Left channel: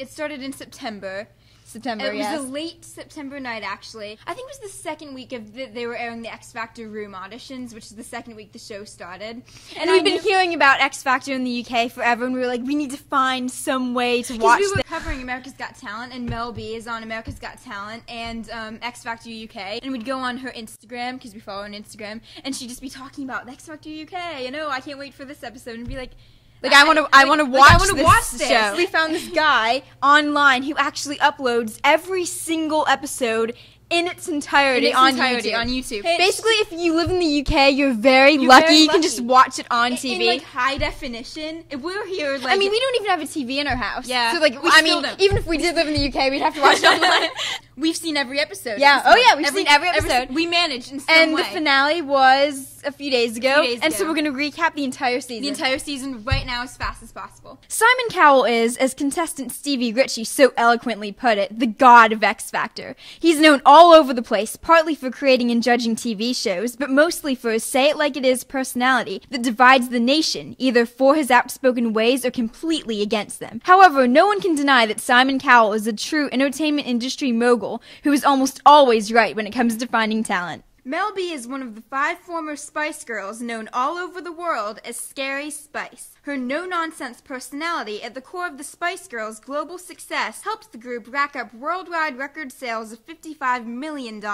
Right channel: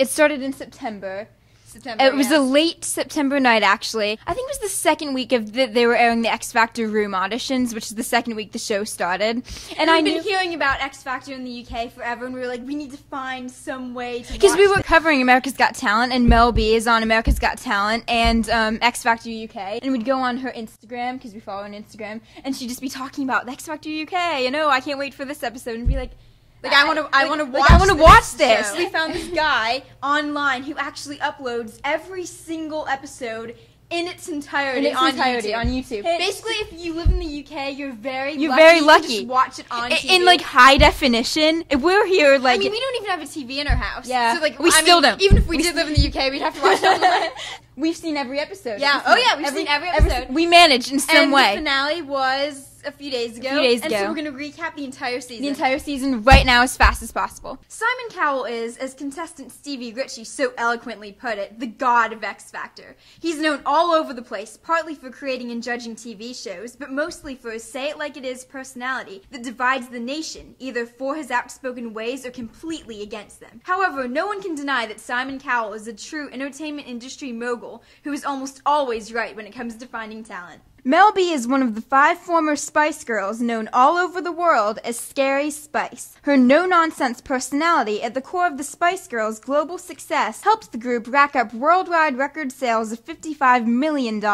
It started in September. It was a late September night, actually. I think it was the second week of they were airing the X Factor room auditions, which is the second week the show started. And we've been hearing about X Factor in the UK forever, and we were like, we need to find some way to watch because we were covering America's Got Talent, and Mel B is on America's Got Talent and X Factor UK. And we'd go on her Instagram, because we follow her on Instagram, and she'd just be talking about X Factor UK, you know, I can't wait for this episode, and be like, I want to watch this. We found this guy online who actually uploads every single episode in its entirety on YouTube. Basically, if you live in the UK, you're very lucky. You can just watch it on TV. In, like, high definition. If we're here, like... I mean, we don't even have a TV in our house. Yeah. So, like, we still don't. Even if we did live in the UK, we'd have to watch it online. We've seen every episode. Yeah. We've seen every episode. We managed in some way. And the finale was a few days ago. And so we're going to recap the entire season. The entire season right now as fast as possible. Simon Cowell is, as contestant Stevi Ritchie so eloquently put it, the god of X Factor. He's known all over the place, partly for creating and judging TV shows, but mostly for his say-it-like-it-is personality that divides the nation, either for his outspoken ways or completely against them. However, no one can deny that Simon Cowell is a true entertainment industry mogul who is almost always right when it comes to finding talent. Mel B is one of the 5 former Spice Girls known all over the world as Scary Spice. Her no-nonsense personality at the core of the Spice Girls' global success helps the group rack up worldwide record sales of $55 million.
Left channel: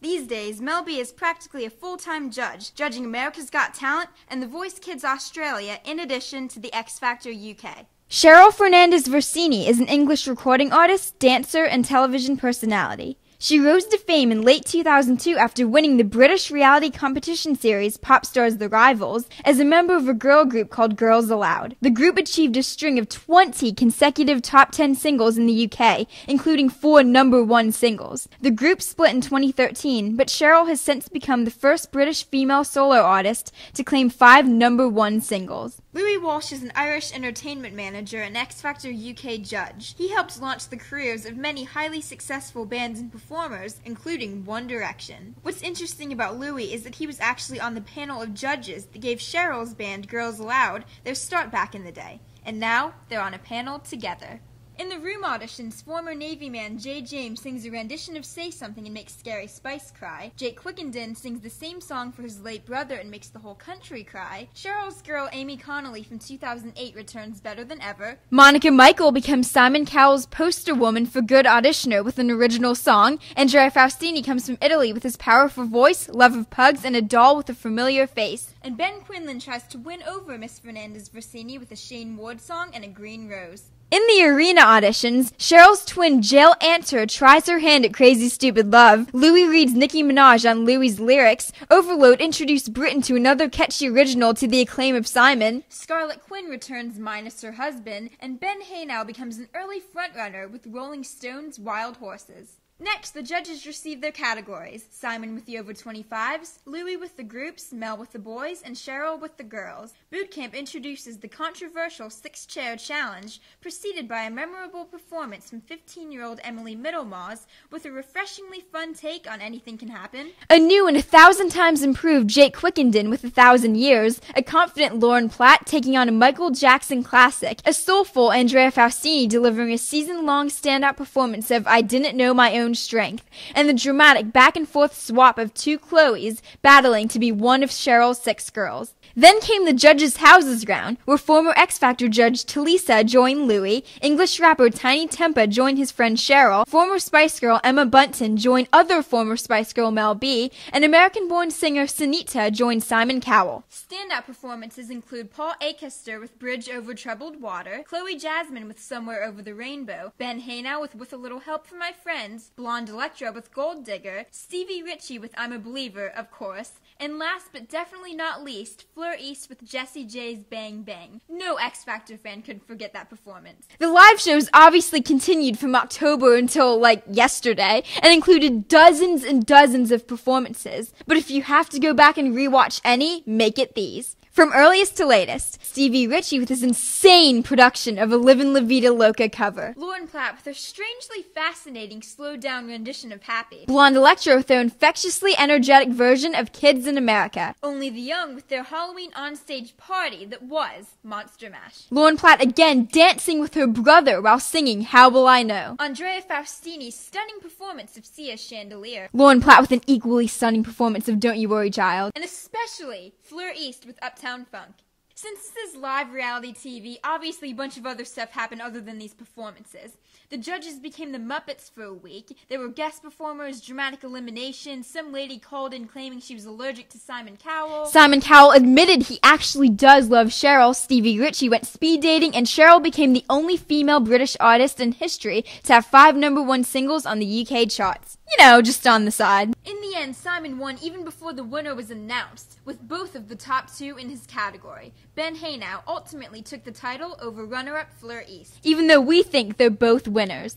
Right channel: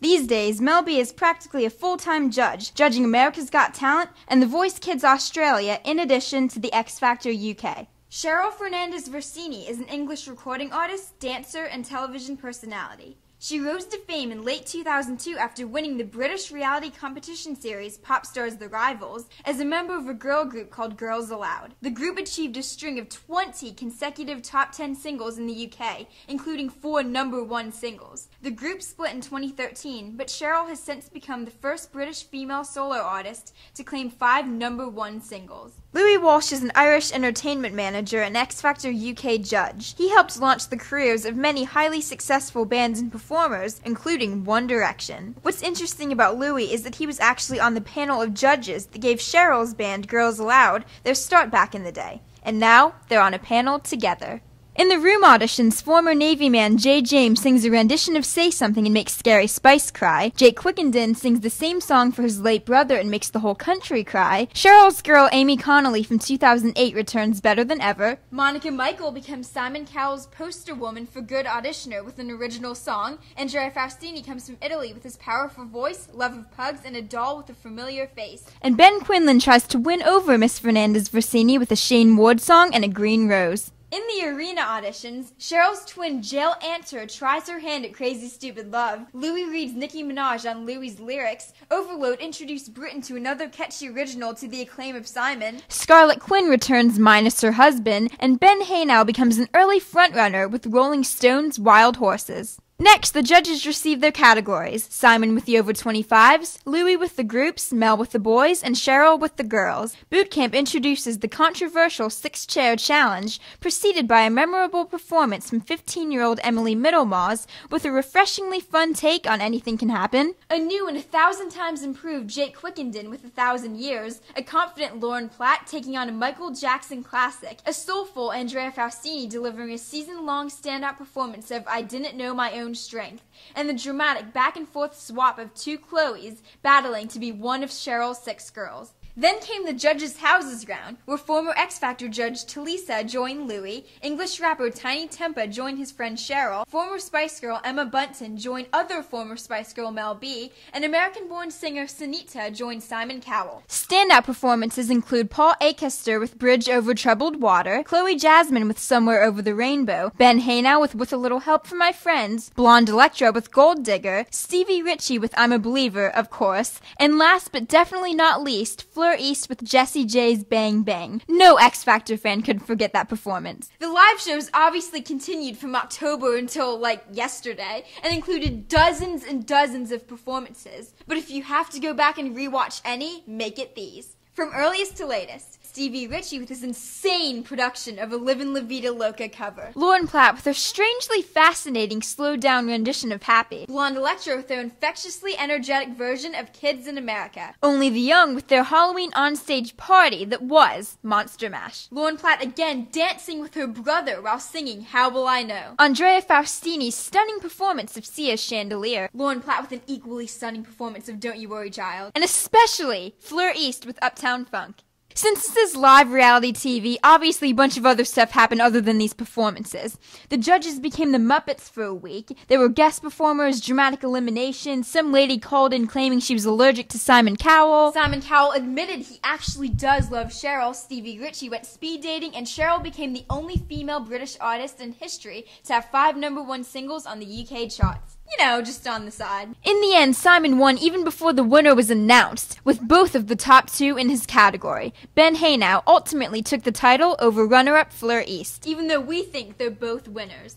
These days, Mel B is practically a full-time judge, judging America's Got Talent and The Voice Kids Australia in addition to the X Factor UK. Cheryl Fernandez-Versini is an English recording artist, dancer, and television personality. She rose to fame in late 2002 after winning the British reality competition series Pop Stars The Rivals as a member of a girl group called Girls Aloud. The group achieved a string of 20 consecutive top 10 singles in the UK, including 4 #1 singles. The group split in 2013, but Cheryl has since become the first British female solo artist to claim 5 #1 singles. Louis Walsh is an Irish entertainment manager and X Factor UK judge. He helped launch the careers of many highly successful bands and performers, including One Direction. What's interesting about Louis is that he was actually on the panel of judges that gave Cheryl's band Girls Aloud their start back in the day. And now, they're on a panel together. In the room auditions, former Navy man Jay James sings a rendition of Say Something and makes Scary Spice cry. Jake Quickenden sings the same song for his late brother and makes the whole country cry. Cheryl's girl Amy Connolly from 2008 returns better than ever. Monica Michael becomes Simon Cowell's poster woman for Good Auditioner with an original song. Andrea Faustini comes from Italy with his powerful voice, love of pugs, and a doll with a familiar face. And Ben Quinlan tries to win over Miss Fernandez-Versini with a Shane Ward song and a green rose. In the arena auditions, Cheryl's twin Jill Anter tries her hand at Crazy Stupid Love, Louis reads Nicki Minaj on Louis' lyrics, Overload introduced Britain to another catchy original to the acclaim of Simon, Scarlett Quinn returns minus her husband, and Ben Haenow becomes an early frontrunner with Rolling Stone's Wild Horses. Next, the judges receive their categories, Simon with the over 25s, Louis with the groups, Mel with the boys, and Cheryl with the girls. Boot Camp introduces the controversial 6-chair challenge, preceded by a memorable performance from 15-year-old Emily Middlemaws with a refreshingly fun take on Anything Can Happen, a new and 1,000 times improved Jake Quickenden with 1,000 Years, a confident Lauren Platt taking on a Michael Jackson classic, a soulful Andrea Faustini delivering a season-long standout performance of I Didn't Know My Own Strength, and the dramatic back-and-forth swap of 2 Chloes battling to be one of Cheryl's 6 girls. Then came the judges' houses round, where former X Factor judge Talisa joined Louis, English rapper Tiny Tempa joined his friend Cheryl, former Spice Girl Emma Bunton joined other former Spice Girl Mel B, and American-born singer Sunita joined Simon Cowell. Standout performances include Paul Akister with Bridge Over Troubled Water, Chloe Jasmine with Somewhere Over the Rainbow, Ben Haenow with a Little Help from My Friends, Blonde Electra with Gold Digger, Stevi Ritchie with I'm a Believer, of course, and last but definitely not least, Fleur East with Jessie J's Bang Bang. No X Factor fan could forget that performance. The live shows obviously continued from October until, yesterday, and included dozens and dozens of performances. But if you have to go back and rewatch any, make it these. From earliest to latest, Stevi Ritchie with his insane production of a Livin' La Vida Loca cover. Lauren Platt with her strangely fascinating slowed-down rendition of Happy. Blonde Electra with their infectiously energetic version of Kids in America. Only the Young with their Halloween onstage party that was Monster Mash. Lauren Platt again dancing with her brother while singing How Will I Know. Andrea Faustini's stunning performance of Sia's Chandelier. Lauren Platt with an equally stunning performance of Don't You Worry Child. And especially Fleur with Uptown Funk. Since this is live reality TV, obviously a bunch of other stuff happened other than these performances. The judges became the Muppets for a week. There were guest performers, dramatic elimination, some lady called in claiming she was allergic to Simon Cowell. Simon Cowell admitted he actually does love Cheryl. Stevi Ritchie went speed dating, and Cheryl became the only female British artist in history to have 5 #1 singles on the UK charts. You know, just on the side. In the end, Simon won even before the winner was announced, with both of the top 2 in his category. Ben Haenow ultimately took the title over runner-up Fleur East, even though we think they're both winners.